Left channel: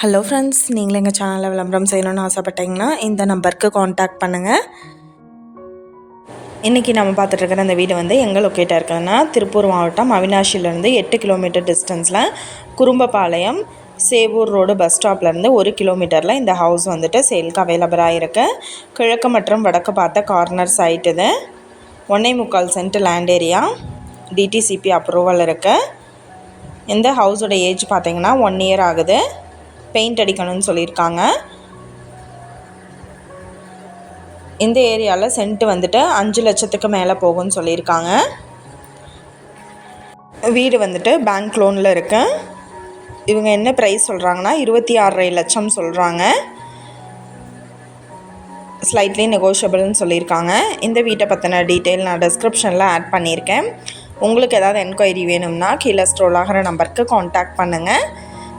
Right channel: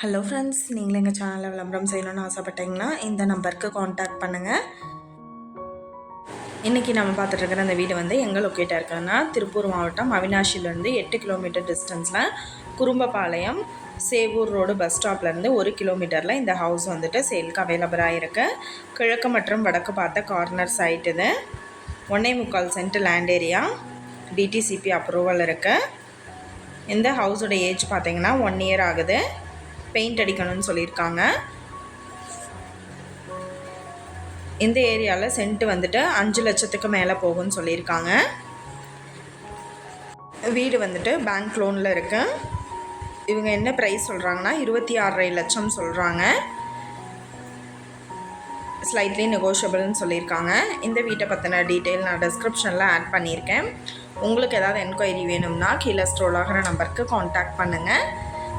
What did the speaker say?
Hello friends நீங்களும் எங்கள் சேனலில் விளம்பரம் செய்யணும்னு ஆசைப்பட்டீங்கன்னா இந்த நம்பருக்கு காண்டாக்ட் பண்ணுங்கள் இன்றைக்கி நம்ம பார்த்துட்டு இருக்கிற வீடு வந்து எங்கே லொக்கேட்டாக இருக்குதுன்னா திருப்பூர் மாவட்டம் அவினாஷிலேருந்து எட்டு கிலோமீட்டர் டிஸ்டன்ஸில் குறும்பபாளையம் சேவூர் ரோடு பஸ் ஸ்டாப்லேருந்து ஒரு கிலோமீட்டரில் இந்த ஹவுஸ் வந்துட்டு சேலுக்கு அவைலபிளாக இருக்குது கிழக்கு மற்றும் வடக்கு பார்த்த கார்னர் சைட் இது. ஒன்றே முக்கால் cent land area DTCP approval இருக்குது இந்த ஹவுஸோட ஏஜ் பார்த்தீங்கன்னா ஒன் இயர் ஆகுது. பெயிண்ட் அடிக்கணும்னு சொல்லியிருக்காங்க. இந்த ஏரியாவில் சென்ட் வந்துட்டு அஞ்சு லட்சத்துக்கு மேலே போகும்னு சொல்லியிருக்காங்க. வீடு வந்துட்டு பேங்க் லோனில் இருக்கு. இவங்க என்ன ப்ரைஸ் சொல்கிறாங்கன்னா இருபத்தி ஆறரை லட்சம் சொல்கிறாங்க ஸ்லைட்லி நெகோஷியபிள்னு சொல்லியிருக்காங்க. இந்த வீட்டை பற்றின டீட்டெயில் நான் டிஸ்கிரிப்ஷனில் ஆட் பண்ணியிருக்கேன். உங்களுக்கு ஏதாவது என்கொயரி வேணும்னா கீழே ஸ்ட்ரோல் ஆகிற நம்பருக்கு காண்டாக்ட் பண்ணுங்கள்